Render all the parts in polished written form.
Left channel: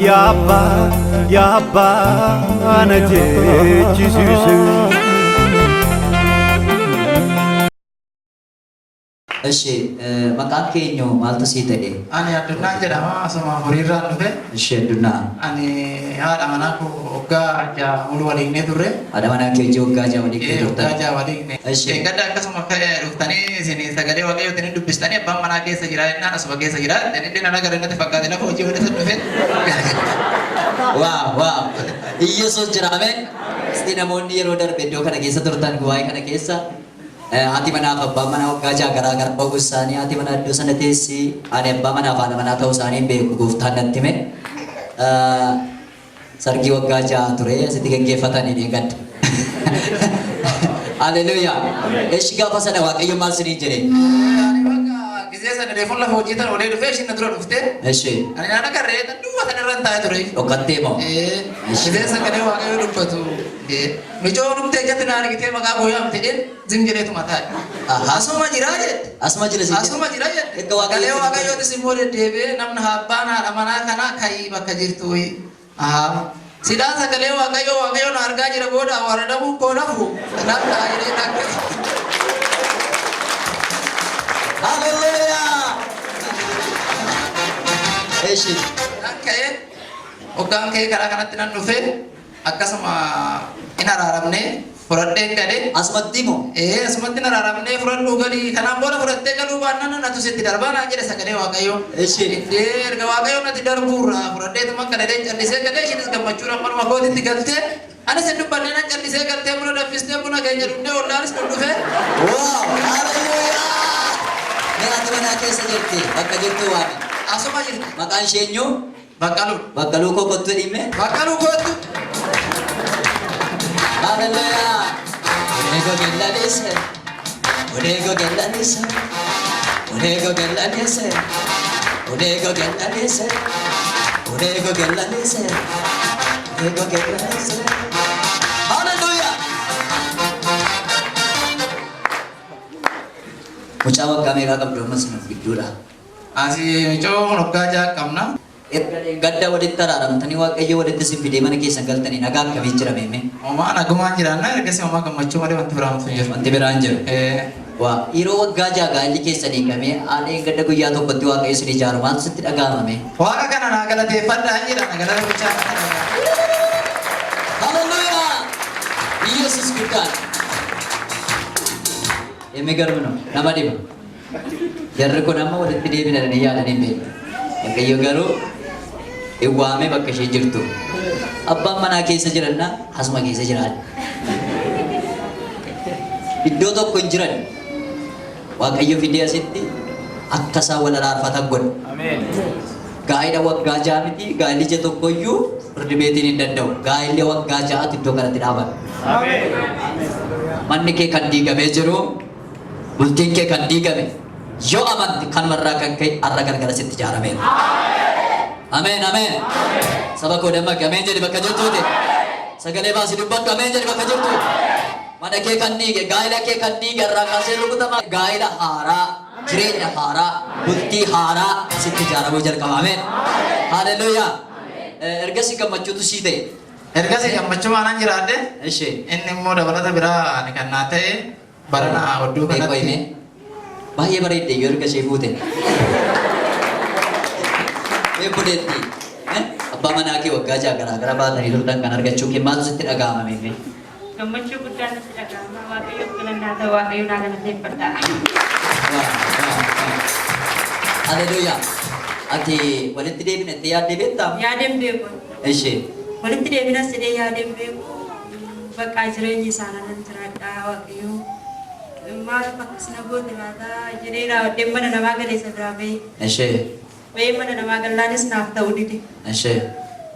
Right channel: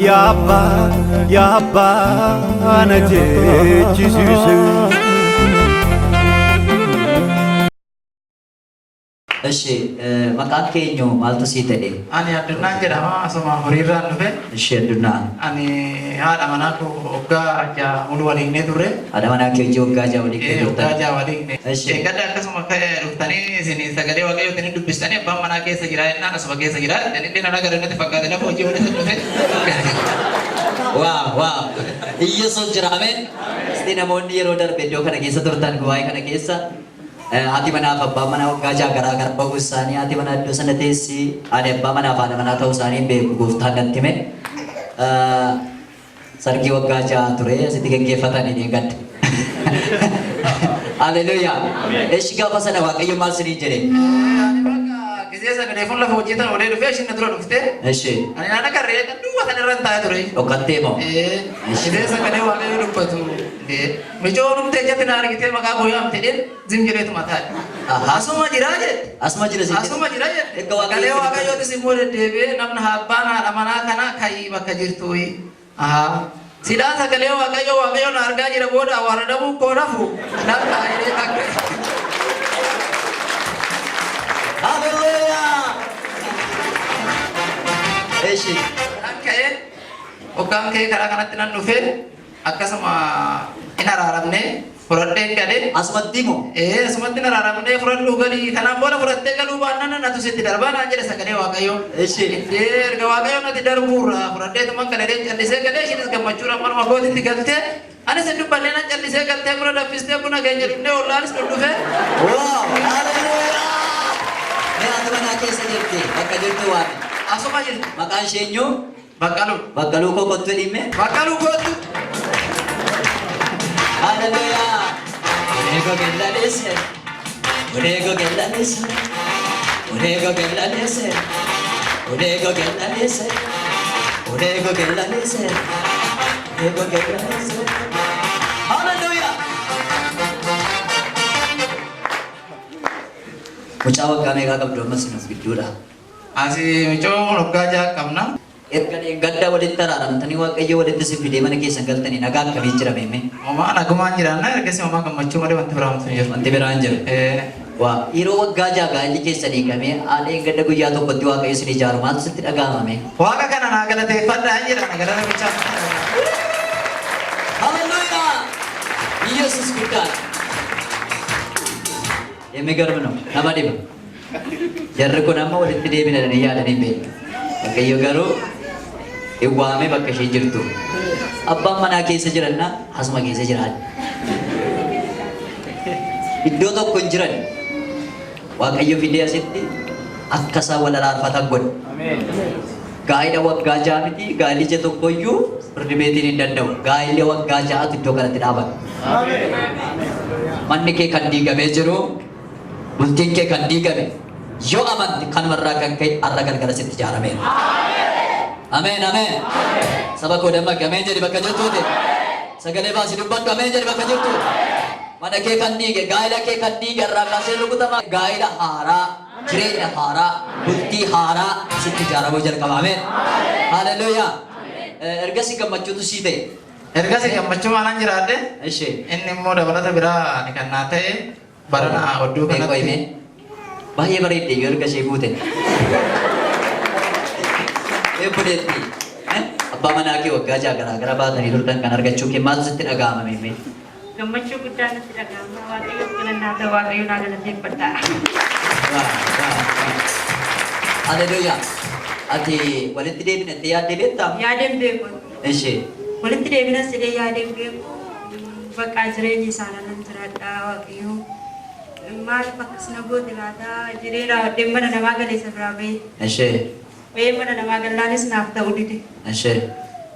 Yabba najeechisuusu. እሺ መቃን ከኞ ማልቶ ሲተዴ አኒ አድና ጀራማ ሰማ ሁሪራ ነፈ እሺ አድና አኒ ሃዳ መናኮ ኦጋ አጃ ሙሉ ወሊኔ ዱሬ ሃዳ መናኮ ጆ ኦጋ አጃ ወሊኔ ኦጋ አጃ ወሊኔ እሺ ገዳ ከሰማ ከ ሩፍታኒ ሲኒ ሰገዴ ወገ ወተኒ ዱብስታኒ አባ መናኬ ሰጅራ እና ነስበ ገ ሰጅራ ደኒ ደና ነገር ነተ ፈቃደ ለፎ ጆ ወደ ሰነፈ ዋ ኢየሱስ ጅራሜን እስቲ ነሞኒ የሮ ደርቤ ዶ ከነ ኬሰ ቱርታን ጉባኤ ከነ ኬሰ Ati mana apa mana gaja gara-gara bagusani ati mana dosa netesi ane apa mana tahu sani be guftan nanti me sargi gaja ture setiga gefatan ini kan Haleluya eshiga pasada wa kayu mal sini jere Kizia sa telefon la hoji tan ole lufe shin nadro lufte eshi ani nana karre tan dua tan ran ta ture o katte mo kizia sa kade wa kayu lupatu mijo lufte jat nar gite maga boyam tede zinjire tu mata asuma jiraje asuma jiraje ek wa kayu te simole debe namna habana amana kana kai bakajirtu sida sa kale wa kayu narga jira boda warada bu kodafu namna ire tak Haleluya. Eshi. Oke. Ogang ke kara-kara tinan nufe. Akka sama ina raramne. Furatte kade. Asmatti mo. Asmatti na raramne. Furaddu gali kanam bola furatte galu banana na tu seti darba na jere sakane wakayo. Eshi. Ga wakayo na ti darbura. Furatte tu man kade chalise kade shinis gamachura man magodi ti galte. Ana sendu balena chalise galte mura dafiste buna ganya dunne olaris dunne. Wow. Haleluya. Mera teman aku sejati, bakal jadi tuan. Asuma jadi. Makan senyu, bakalu kau kotu ini me. Bakalu kotu. Haleluya. Unego gela desa. Unego gela desa. Unego gela desa. Unego gela desa. Unego gela desa. Unego gela desa. Haleluya. Ucawa kami kakak berdoa masih jura. Asi mico nukaja kamna. Gadda wadit tararam tani wa kayo wadit si video mana kisah gal tani naga kami cira meme. Oma naguman jirana kasi oma kamacu mari wantu ram sunyer. Anti beranjel. Wah iro wa gaja ga ini kisah ni kami ane gadda ku yato berdua kayo sini jaruman setit agama me. Wah kakak nana kala tefanda anjir nagara ucap. Haleluya. Yesus bukan. Emegar mana? Nama dia. Jarre ko nama wadit dia bina dan iya dan ini. Kayo garu. Iwame bakka shijirtu. Abba mana keessa jiranna asuma keessa jiran. Iddoo tokko hin jiran. Waaqayyo fidee asitti akka isaa wal araarfatan godha. Gaa'ila waggaa ja'a miti gaa'ilicha tokkoyyuu firdibeetiin hin danda'u. Gaa'illi waggaa ja'atu iddoo kanatti dhaabata. Manni kee kan diigamee jiru bultiin kee kan diigame yoo amanti kanumarraa kan ka'e har'a gargara sitti ijaarame. Amen, amen. Sabab kau dah makan, amen jadi makan jatuh deh. Segala bahasa dubbatu, amen jadi makan jatuh. Mana ke kandi ke, gaila ke kandi ke, rakasih lu kutama gaila hara, jirin hara, bukti hara, sitti jara bujar kau, amen. Haleluya. Ergasi kamacu tu sih deh. Ergasi kamacu mana jirade? Eshe. Ini mau dah berada bera nikan nate, barana odu kan nate. Ini, bahaya berita, ergasi bute. Budeti, abba mana ke wagga gara-gara baata hirurtan kan argachuu ke maal sitti dhaga'ama meme. Gammachuu guddaan natti dhaga'ama waaqayyo filannaa ta'e waaqayyo naana natti fadha. Haleluya. Ati walitti deebinatti yaadde beektaa? Yaadeen beeku. Ishee. Walitti deebinas jedhee yaadeen beeku. Bakka jireenyi isaanii nan jiraadha waaqayyo. Maaliif akkasina goote laata jedhee dhimma namaa galeessa biraa bahe. Ishee. Mana nama galanis naaf ta'uu dide. Ashee.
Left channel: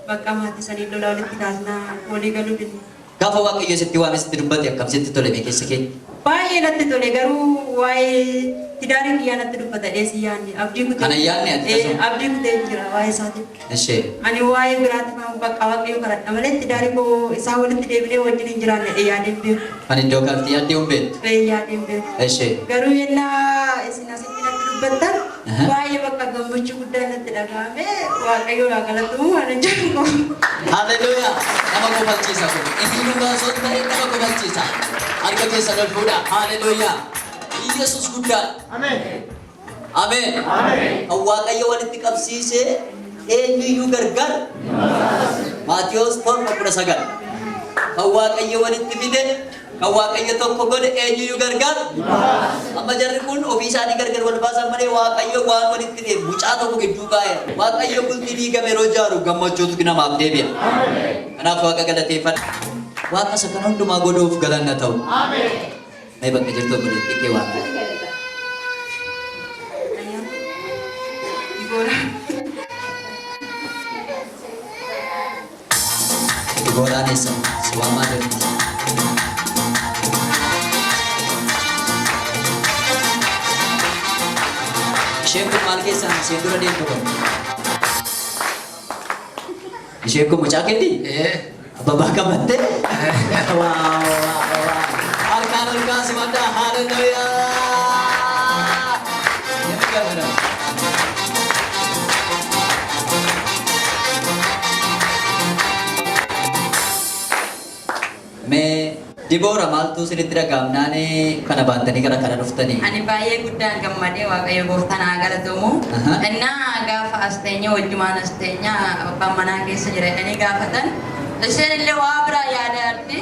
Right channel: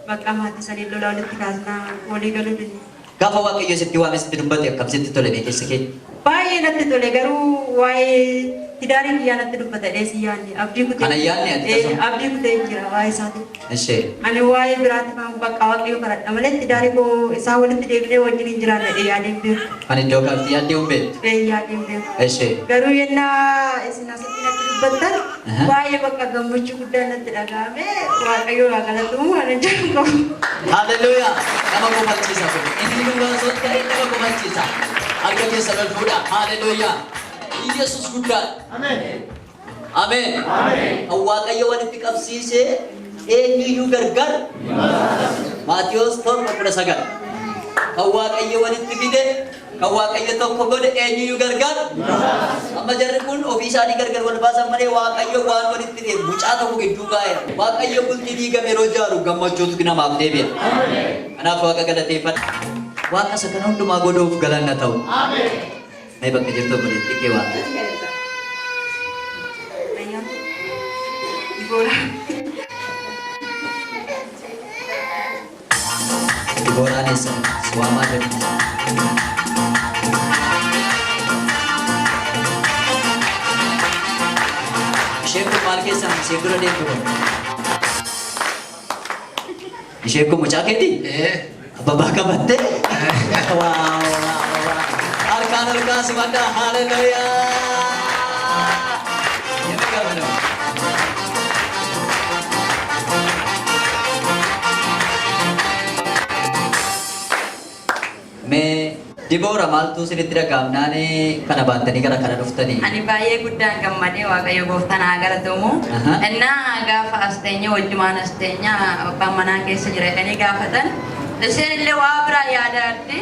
Bakka maatii sanii lola walitti kaasnaa walii galuu dide. Gaafa waaqayyo sitti waan sitti dubbate akkam sitti tole beekessa kee? Baay'ee natti tole garuu waa'ee tidaarii biyyaa natti dubbata dheessi yaadne abdii kutee. Kana yaadne abdii kutee jira waa'ee isaati. Ashee. Ani waa'ee biraatti kan bakka waaqayyo kadhadha malee tidaarii koo isaa walitti deebinee wajjin hin jiraanne yaadeen beeku. Ani iddoo kanatti yaadee hin beeku? Yaadeen beeku. Ashee. Garuu yennaa isin asitti natti dubbattan Baay'ee bakka gammachuu guddaa natti dhagahame waaqayyo waa galatuun waan jedhu. Haleluuyaa. Nama kofachiisa kun. Inni nu baasoo ta'e nama kofachiisa. Harka keessa ol fuudha. Haleluuyaa. Yesuus guddaa. Ameen. Ameen. Kan waaqayyo walitti qabsiisee eenyuyyuu gargar. Maatiyos 4:19. Kan waaqayyo walitti fide kan waaqayyo tokko godhe eenyuyyuu gargar. Amma jarri kun ofii isaanii gargar wal baasan malee waaqayyo waan walitti fide mucaa tokko gidduu kaa'eera. Waaqayyo bultii diigame yeroo jaaru gammachuutu namaaf deebi'a. Kanaaf waaqa galateeffadha. Waaqa isa kana hundumaa godhuuf galanna ta'u. Mee bakka jirtu obboleettii kee waaqa. Dibooraanis si waamaa jiru. Isheen kun maal keessaan isheen dura deemtu kun? Isheen kun mucaa keetii? Abbaa qabattee? Harkaan ol kaasi madda. Haleluuyaa. Mee Diboora maaltu isinitti dhaga'amnaani kana baatanii gara kana dhuftanii? Ani baay'ee guddaan gammadee waaqayyo gooftaan haa galatamu. Innaa gaafa asteenya wajjumaan asteenya abbaan manaa keessa jira jedhanii gaafatan isheen illee waa biraa yaadaatti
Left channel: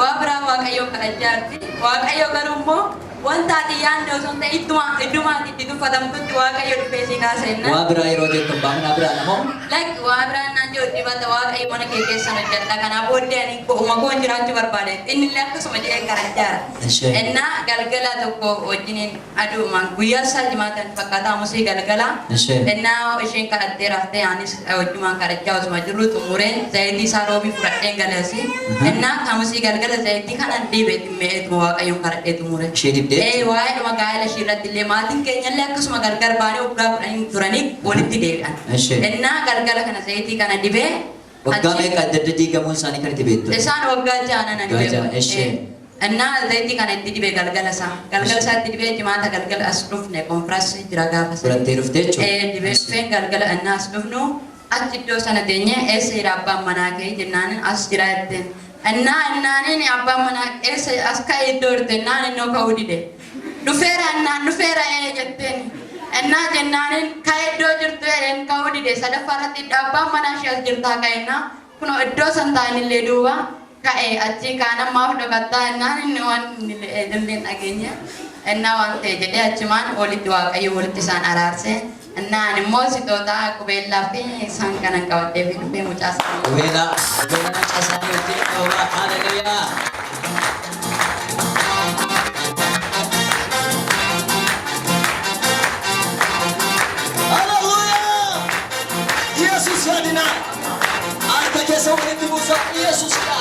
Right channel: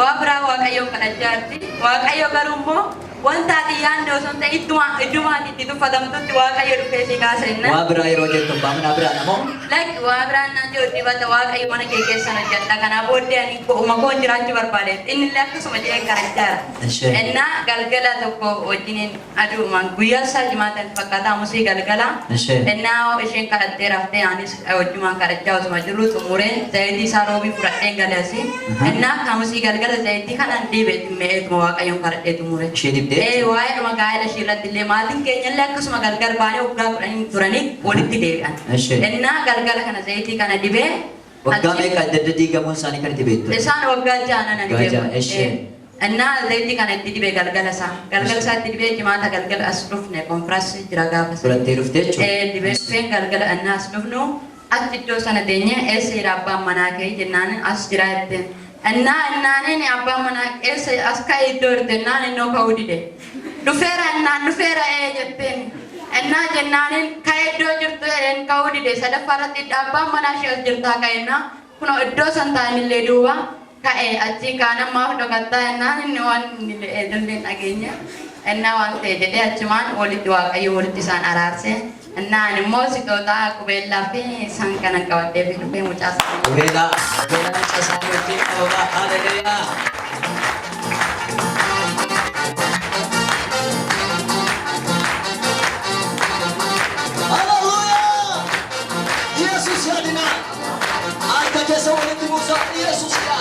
waa biraa waaqayyoon kadhachaa jirti. Waaqayyo garuu immoo wanta ati yaadde osoo hin ta'in iddumaatti itti tuffatamtutti waaqayyo dhufee si kaasenna. Waa biraa yeroo jettu abbaa manaa biraa namoo? Like waa biraan naan jiru dibata waaqayyo mana kee keessan hojjedha. Kanaaf booddee ani koon jiraachuu barbaade. Inni illee akkasuma jedhee kadhachaa. Innaa galgala tokko wajjiniin aduumaan guyyaa isaa jimaatan fakkaataa musii galgala. Innaa isheen kadhattee raftee anis wajjumaan kadhachaa osuma jirru xumureen zayitii isaa roobii fudhadheen galasi. Innaa kamusii galgala zayitii kanan dhiibeetti mi'eetuma waaqayyoon kadhadhee xumure. Waa'ee dhuma gaa'ela ishee irratti illee maatiin keenya illee akkasuma gargar baanee waggaa kudhanii turanii walitti deebi'an. Innaa galgala kana zayitii kana dibee waggaa meeqa adda diigamuun isaanii kan itti beektu? Isaan waggaa jaanan ani beeku. Innaa zayitii kana itti dibee galgala isaa itti dibee jimaata galgala as dhufne konfiransii jira gaafa sana. Fudhattee dhuftee jechuudha? Dibee dhufeen galgala innaa as dhufnu achi iddoo sana teenyee eessa abbaan manaa kee jennaan as jira jetteen. Innaanin abbaan manaa eessa as ka'ee iddoo jirte innaan innoo ka'uu dide. Dhufeera jetteen. Innaa jennaanin ka'ee iddoo jirtu ka'uu dide sadaffaa irratti abbaan manaa ishee as jirtaa ka'ennaa kunoo iddoo san ta'an illee duuba ka'ee achi kaanammaaf dhokattaa innaan inni waan illee dhageenya. Innaa waan ta'e jedhee achumaan walitti waaqayyo walitti isaan araarsee. Innaan immoo sixootaa qubeellaa fi isaan kana qabattee fi dhufee mucaa isaa. Qubeellaa isaa wajjin qabama. Haleluuyaa. Haleluuyaa. Yesuus yaadina. Harka keessa walitti buusa Yesuusidha.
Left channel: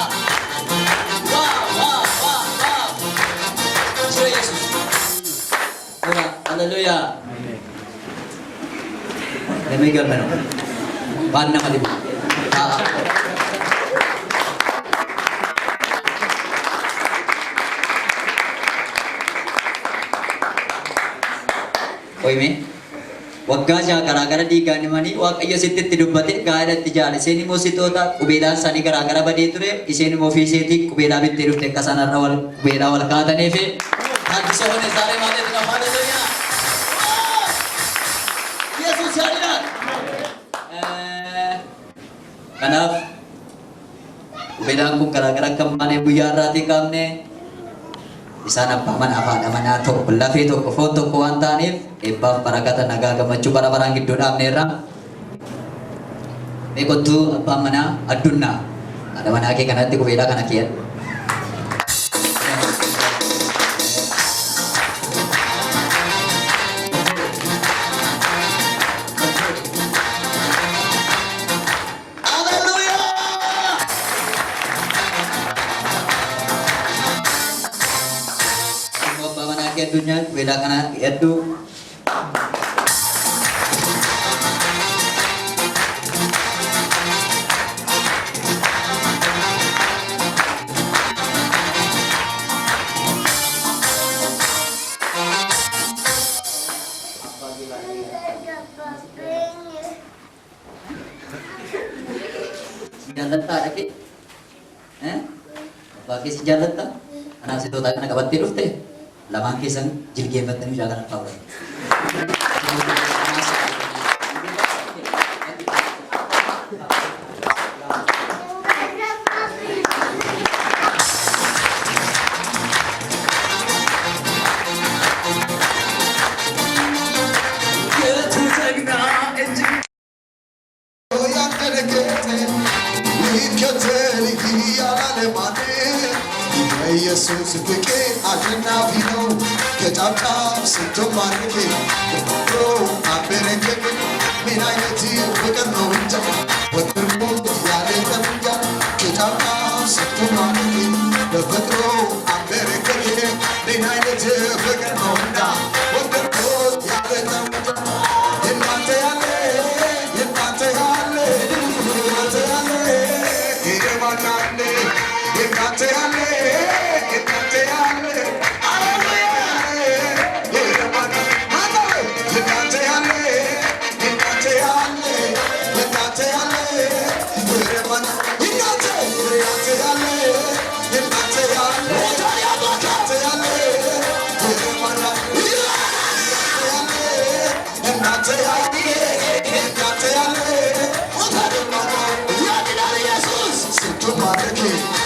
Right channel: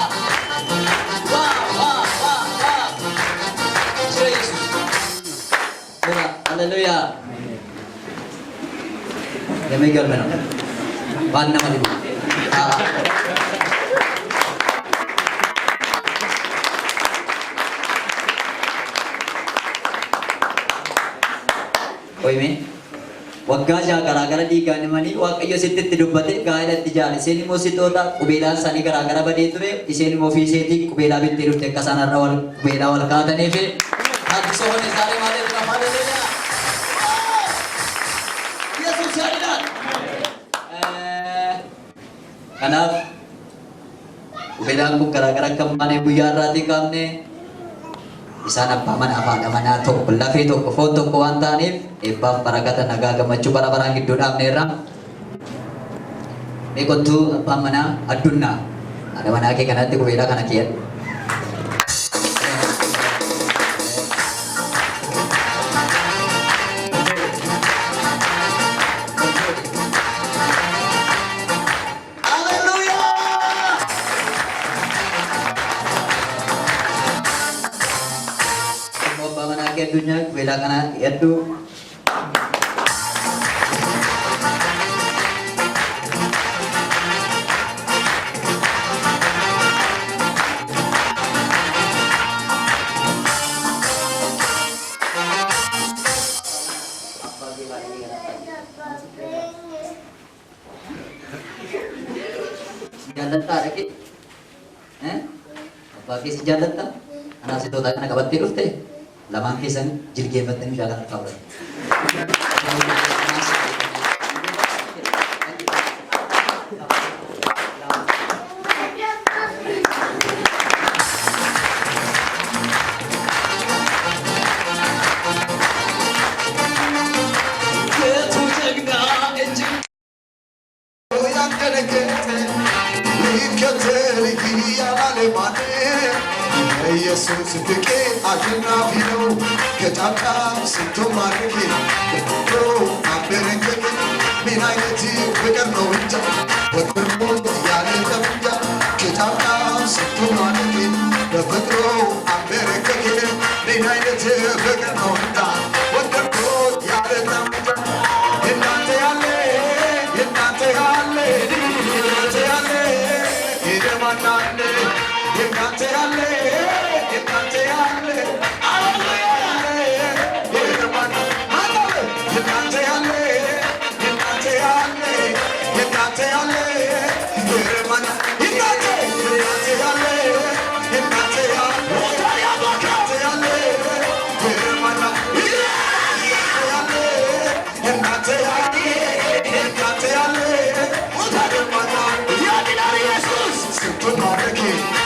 Yesuus. Haleluuyaa. Damai galmana. Waan nama dhibu. Koime waggaa garaagara diigaan himanii waaqayyo sitti dubbate gaa'ela itti jaale isheen immoo sixoota qubeelaan isaanii garaagara badee ture isheen immoo ofii isheetii qubeelaa bittee dhufte akka isaan har'a qubeelaa wal kaatanii fi taasisa hone isaanii maal jedhama haleluuyaa. Yesuus yaadina. Kanaaf qubeelaan kun garaagara akka malee guyyaa irraatii qabne isaan abbaa manaa fi haadha manaa tokko lafee tokko foon tokko waan ta'aniif eebbaaf barakata nagaa gammachuu bara baraan gidduu dhaabneerra. Beekottuu abbaan manaa addunyaa haadha manaa kee kanatti qubeelaa kana keessa. Dunia beda kana yaitu jaallattaa dhaqe abbaa keessa jaallattaa anaaf si tootaa kana qabattee dhufte lamaan keessan jilgeeffattanii shaakan arfaa godhan. ኢየሱስ ፍቄ አሸናፊ ነው ከጫካው ስንቶ ማርኬ ተፈጥሮ አበረከት ምን አይነት ፍቅር ነው እንጃ ወጥርሞ ያለ ተንጃ ከጫካው ስንቶ ማርኬ ተፈጥሮ አበረከት ምን አይነት ፍቅር ነው እንጃ ወጥርሞ ያለ ተንጃ እናንተ ያለ እናንተ ያለ እናንተ ያለ ይደማናለ እናንተ ያለ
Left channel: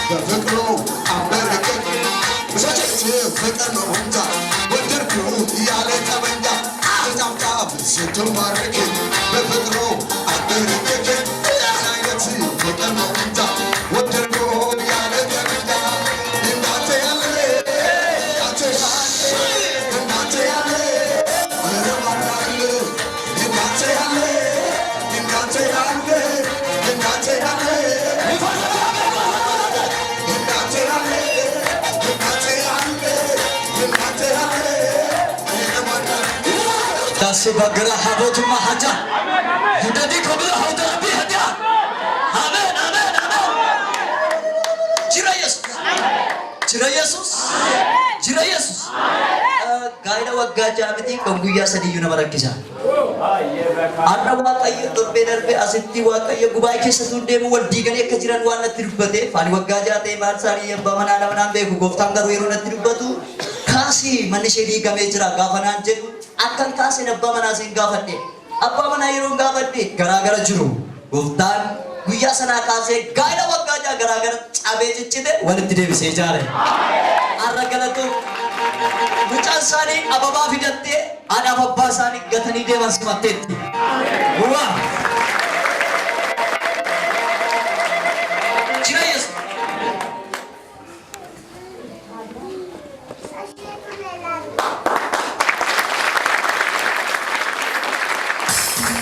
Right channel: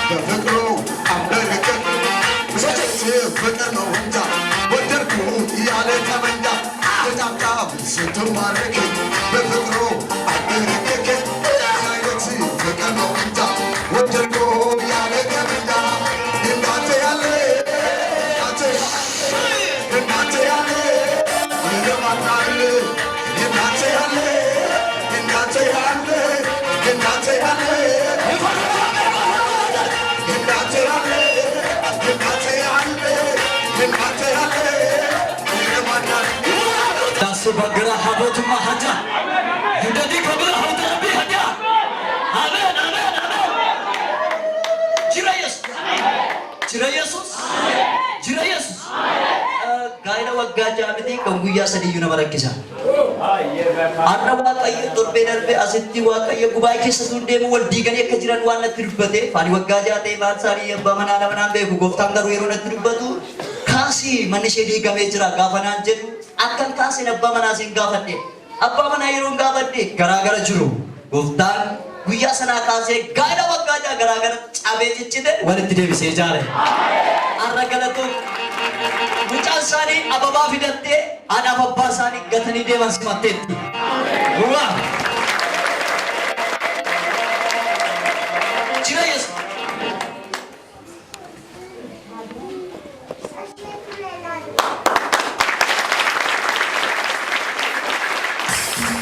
በፍቅሩ አበረከት ፍቅር ነው እንጃ ወደድኩ ያለ ጠመንጃ አዛምጣ ስንቱ ማረክ በፍቅሩ አበረከት አይነት ፍቅር ነው እንጃ ወደድኩ ያለ ጠመንጃ እናንተ ያለ እናንተ ያለ ይረማናል እናንተ ያለ እናንተ ያለ እናንተ ያለ Sebagera habot mahaja, jadi kabel hauda lebih hanya. Amin, amin, amin. Cira Yesus, cira Yesus, cira Yesus. Gaira wagga jamiti kongguya sadi yuna barakisa. Anna waqayya turbe darbe asitti waqayya gubai keessa tunde mu waldi gani akka jiran waan natti dubbate fani wagga jaate maal sari abba manana manan beeku goftaan garuu yeroo natti dubbatu kaasi manni ishee diigamee jira gaafa naan jedhu akkan kaasi abba manaa sin gaafadhe abba manaa yeroo gaafadhe garaagara jiru goftaan guyyaa sanaa kaasee gaa'ela waggaa jaa garaagara cabee ciccite walitti deebisee jaare arra galatu mucaan isaanii ababaa fidattee haadhaaf abbaa isaanii gatanii deeman simatteetti Uraa! Jira Yesus!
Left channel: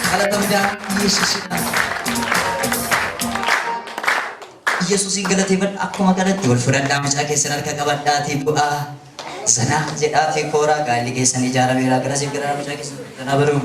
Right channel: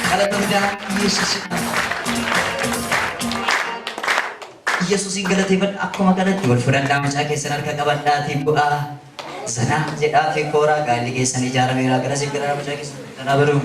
Kalau tendang Yesus Yesus ingalatifan aku makanan jual furan dami sa kesan harga kaban dati buah sana jedati kora kali kesan ijara mira kena sih kira macam sana baru